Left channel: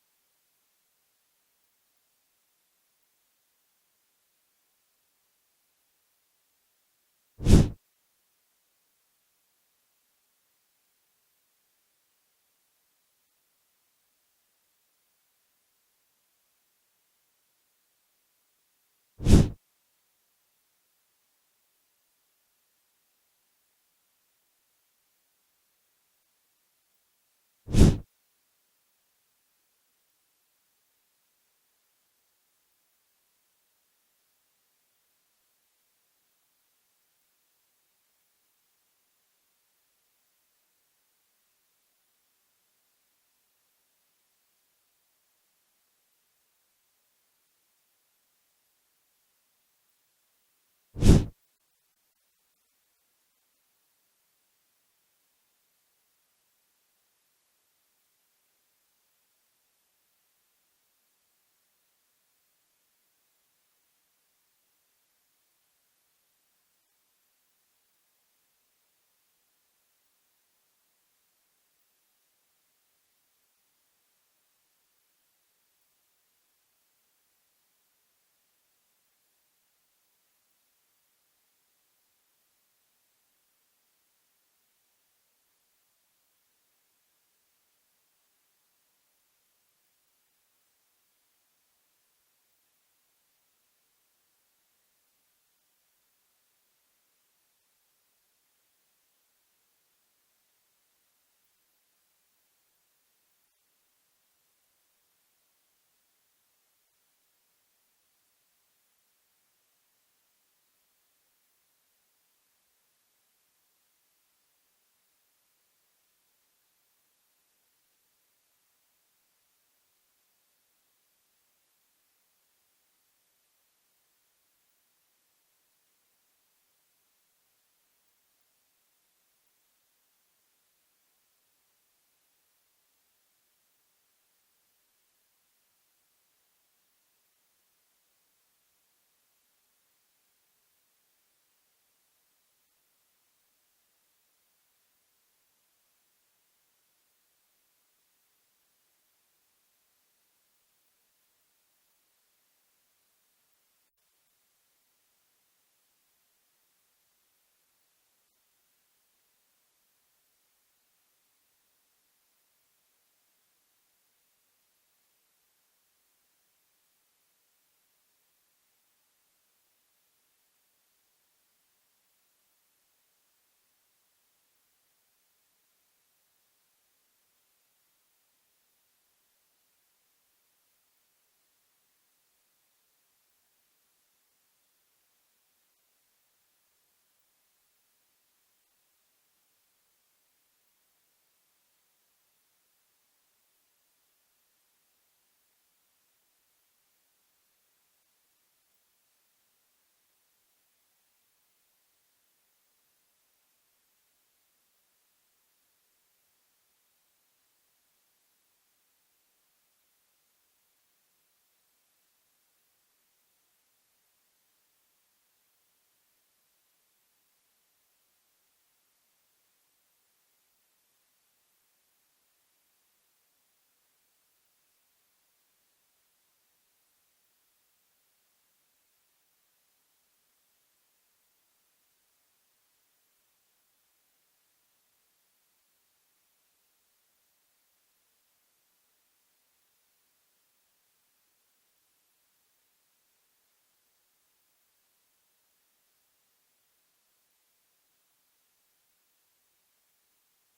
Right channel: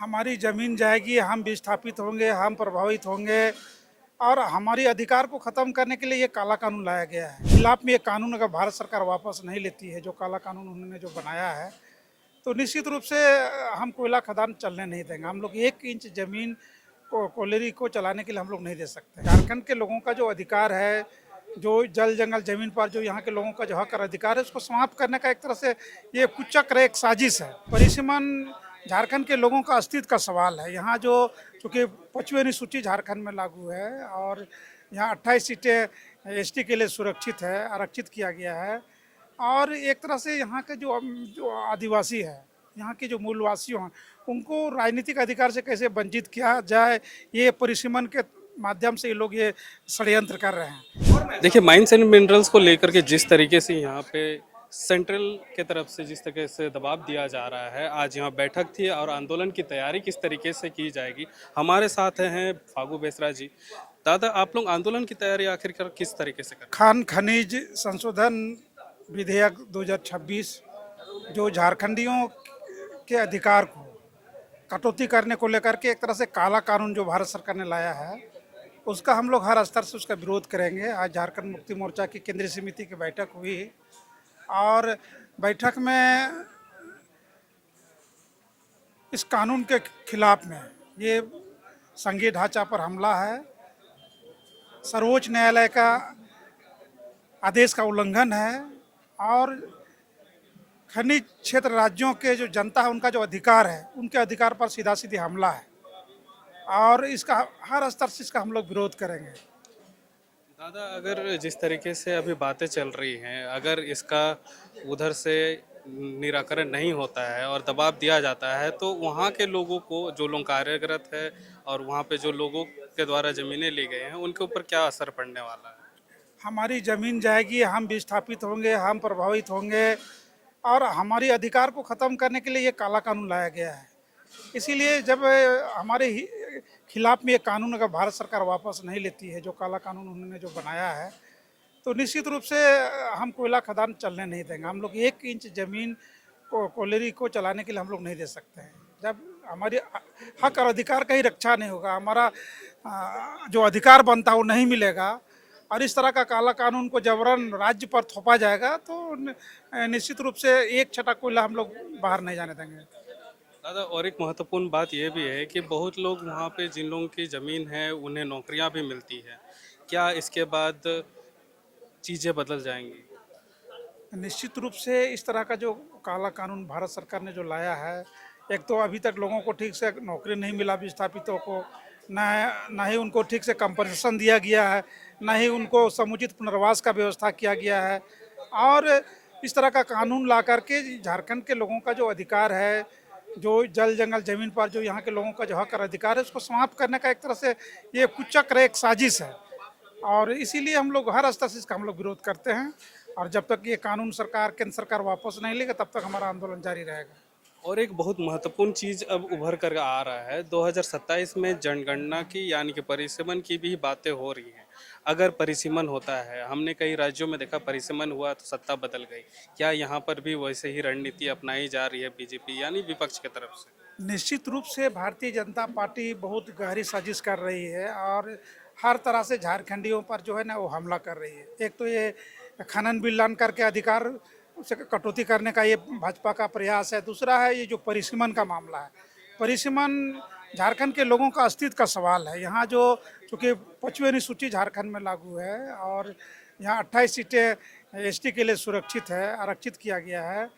हमारी ज़मीन जाएगी, हम विस्थापित होंगे, हम प्रभावित होंगे और हमारी अधिकार को ख़त्म करने के लिए ये काला कानून लाया गया है। खिलाफ में ये कानून अगर भारत सरकार वापस नहीं लेती है, जो काला कानून उन्होंने जो बनाया है, तो निश्चित रूप से हम कोयला खदान चलने नहीं देंगे। हम लोग 1 इंच ज़मीन को कोयलेरी को चलाने के लिए हम लोग नहीं दे सकते। झारखंड के लोगों का जो अधिकार है, जो जल जंगल ज़मीन पर जो यहाँ के लोगों का जो हक और अधिकार है, उसको समाप्त करने का एक तरह से ये कुचक्र एक साजिश है। परिसीमन झारखंड के लोगों का अस्तित्व का सवाल है। यहाँ जो चूँकि 5वीं अनुसूची झारखंड में लागू है और यहाँ 28 सीटें एसटी के लिए सुरक्षित है, आरक्षित किया गया है और एक तरह से यहाँ के जो जो आदिवासी है, यहाँ के जो मूलवासी हैं, उनको राजनीतिक अधिकार से कैसे वंचित किया जाए, ये परिसीमन के माध्यम से ये लोग ये षड्यंत्र कर रहे हैं। देखिए, माइंस एंड मिनरल्स को लेकर के जिस तरीके से यहाँ पे सेंट्रल के तरफ से जिस तरीके से दबाव दिया जा रहा है, आज यहाँ बैठक थी और आंदोलन की तैयारी किस तरीके से की जाएगी। हमारे साथ हैं फागू बेसरा जी। दादा, आप लोग आंदोलन की तैयारी आखिरकार किस तरीके से कर खान खनिज संशोधन विधेयक 2026 जो झारखंडियों के अधिकार को कटौती करने को लेकर के एक तरह से काला कानून जो भारत सरकार ने लाया है, उसका हम लोग हर स्तर से उसका विरोध करेंगे। आज झारखंड मुक्ति मोर्चा की केंद्रीय समिति की बैठक हुई और बैठक में इस कानून के खिलाफ में ये संघीय ढांचा पर हमला है, सर्वोच्च न्यायालय का आदेश का उल्लंघन है और खनिज क्षेत्र राज्यों के जो जनता है उनका जो अधिकार है, उनके अधिकार पर सीधा सीधी हमला है और इसका हर स्तर से इसका हम लोग विरोध करेंगे। दादा, अगर जिस तरीके से अभी बातें चल रही हैं, अगर इसका उधर से निराकरण नहीं होता है और दबाव दिया जाता है, तो वहाँ के लोगों को, जो लोग कार्यरत है और वहाँ पे जो लोगों के द्वारा ज़मीनें ली गई हैं, उनके ऊपर क्या असर पड़ने वाला है? हमारी ज़मीन जाएगी, हम विस्थापित होंगे, हम प्रभावित होंगे और हमारी अधिकार को ख़त्म करने के लिए ये काला कानून लाया गया है। इसीलिए जब हमारे खिलाफ में ये कानून अगर भारत सरकार वापस नहीं लेती है, जो काला कानून उन्होंने जो बनाया है, तो निश्चित रूप से हम कोयला खदान चलने नहीं देंगे। हम लोग 1 इंच ज़मीन को कोयलेरी को चलाने के लिए हम लोग नहीं दे सकते हैं। जब हमारे हक और अधिकार का ही रक्षा नहीं होगा, हमारा जो अधिकार बनता है वो नहीं मिलेगा और इस तरह का काला कानून को जबरन राज्य पर थोपा जाएगा, तो निश्चित रूप से एक छटा कोयला हम लोग बाहर नहीं जाने देंगे। दादा, और एक महत्वपूर्ण बात यह भी है कि बहुत लोग वहाँ पे, जिन लोगों की ज़मीन है, उन्हें नौकरियाँ भी मिलती है। क्या इसके बाद चीज़ें बदल जाएंगी? निश्चित रूप से इस तरह का जो काला कानून भारत सरकार ने जो लाया है, एक तो अभी तक लोगों को ठीक से नौकरी नहीं मिला, विस्थापितों को ना ही उनको ठीक से कंपनसेशन दिया गया है, ना ही उनको समुचित पुनर्वास का व्यवस्था किया गया है और इस तरह का कानून ला करके झारखंड के लोगों का जो अधिकार है, जो जल जंगल ज़मीन पर जो यहाँ के लोगों का जो हक और अधिकार है, उसको समाप्त करने का एक तरह से ये कुचक्र एक साजिश है और इसीलिए हम लोग हर स्तर से इसका हम लोग विरोध करते हैं और जब तक ये कानून सरकार, केंद्र सरकार वापस नहीं लेगा, तब तक हमारा आंदोलन जारी रहेगा। और एक बहुत महत्वपूर्ण चीज़ अब उभर कर आ रहा है, 2027 में जनगणना की यानी कि परिसीमन की भी बातें हो रही हैं। अगर परिसीमन होता है, हमने कई राज्यों में देखा परिसीमन हुआ तो सत्ता बदल गई। क्या यहाँ पर भी वैसे ही रणनीति अपनाई जा रही है बीजेपी यानी विपक्ष की तरफ से? निश्चित रूप से भारतीय जनता पार्टी बहुत गहरी साजिश कर रही है और हर तरह से झारखंडियों पर जो है ना वो हमला कर रही है। एक तो ये खनन बिल लान करके अधिकार से कटौती करने का ये भाजपा का प्रयास है। दूसरा है ये जो परिसीमन का मामला है। परिसीमन झारखंड के लोगों का अस्तित्व का सवाल है। यहाँ जो चूँकि 5वीं अनुसूची झारखंड में लागू है और यहाँ 28 सीटें एसटी के लिए सुरक्षित है, आरक्षित किया गया है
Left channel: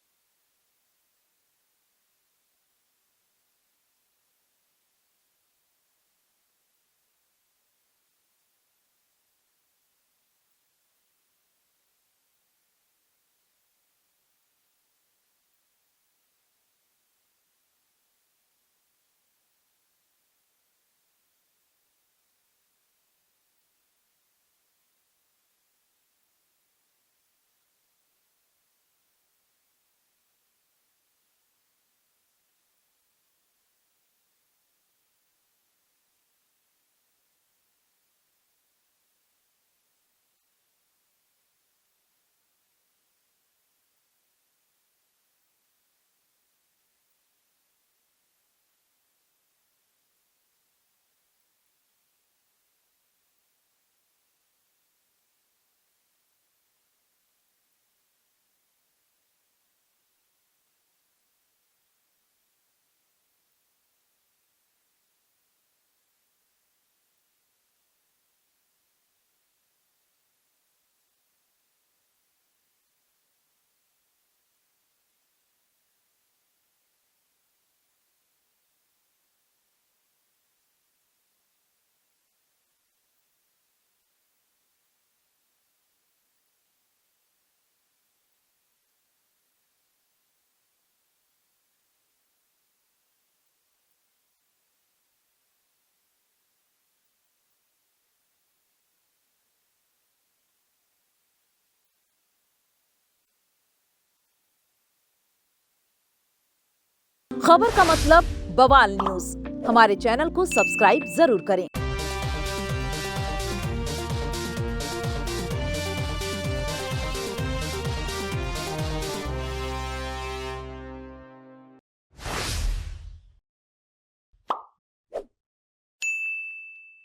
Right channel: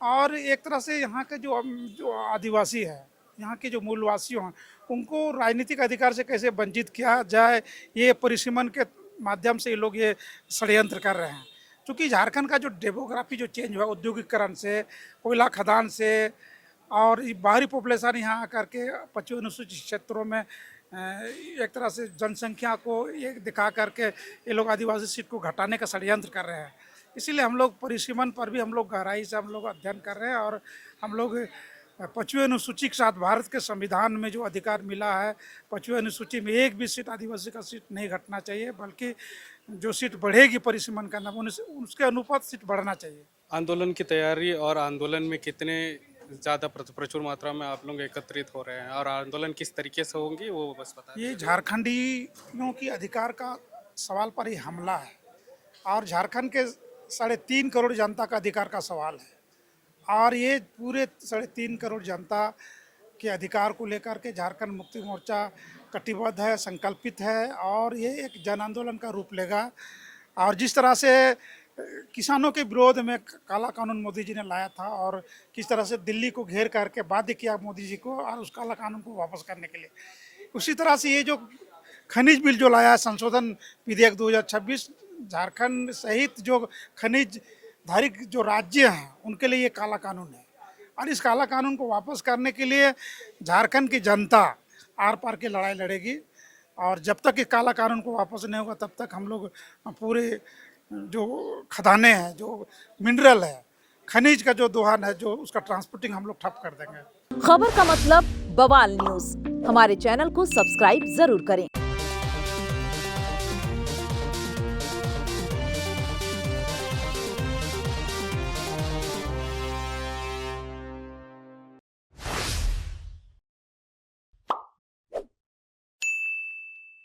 और एक तरह से यहाँ के जो जो आदिवासी है, यहाँ के जो मूलवासी हैं, उनको राजनीतिक अधिकार से कैसे वंचित किया जाए, ये परिसीमन के माध्यम से ये लोग ये षड्यंत्र कर रहे हैं। क्योंकि झारखंड का जो डेमोग्राफी जो चेंज हुआ औद्योगिकरण से, कोयला खदान से और ये बाहरी पॉपुलेशन यहाँ आकर के 25 अनुसूचित क्षेत्रों में एक तरह से जनसंख्या को ये दिखा करके ये लोग आदिवासी सीट को घटाने का षड्यंत्र कर रहे हैं। इसीलिए हम लोग परिसीमन पर भी हम लोग गहराई से हम लोग अध्ययन कर रहे हैं और हम लोग 5वीं अनुसूची के साथ भारत के संविधान में जो अधिकार मिला है, 5वीं अनुसूची में एक भी सीट आदिवासी का सीट नहीं घटना चाहिए, बल्कि जो सीट बढ़ेगी परिसीमन का नाम उसके अनुपात सीट बढ़ना चाहिए। आंदोलन की तैयारी और आंदोलन में कितने ज़्यादा प्रचुर मात्रा में आप लोग एकत्रित हो रहे हैं, और आंदोलन किस तरीके से होंगी वो बस बता ये झारखंडियों की अधिकार का सवाल पर ही हमला है और झारखंड के 3.5 करोड़ जनता का अधिकार का सवाल है और ये पूरे 3.5 करोड़ जनता के अधिकार को लेकर के झारखंड मुक्ति मोर्चा कटिबद्ध है, संकल्पित है और ये एक जन आंदोलन का रूप लेगा। और जिस तरह से किसानों के विरोध में काला कानून मोदी जी ने लाया था और किस तरह से दिल्ली को घेर करके बाध्य किया मोदी जी को और उस काला कानून को वापस करने के लिए, उसी तरह से ये जो खनिज बिल जो लाया है संशोधन विधेयक 2026, झारखंड सहित जो खनिज धारिक जो राज्य हैं उनके लिए ये काला कानून है और इस काला कानून को वापस करने के लिए झारखंड की जनता आर पार की लड़ाई लड़ेगी और जब तक ये काला कानून को वापस नहीं होगा तब तक हम लोग पूरे जो खदानें हैं, जो मिनरल है, खनिज का जो दोहन है, जो उसका ट्रांसपोर्टिंग हम लोग ठप कर देंगे। खबर का मतलब बवाल न्यूज, हमारे चैनल को सब्सक्राइब जरूर करें।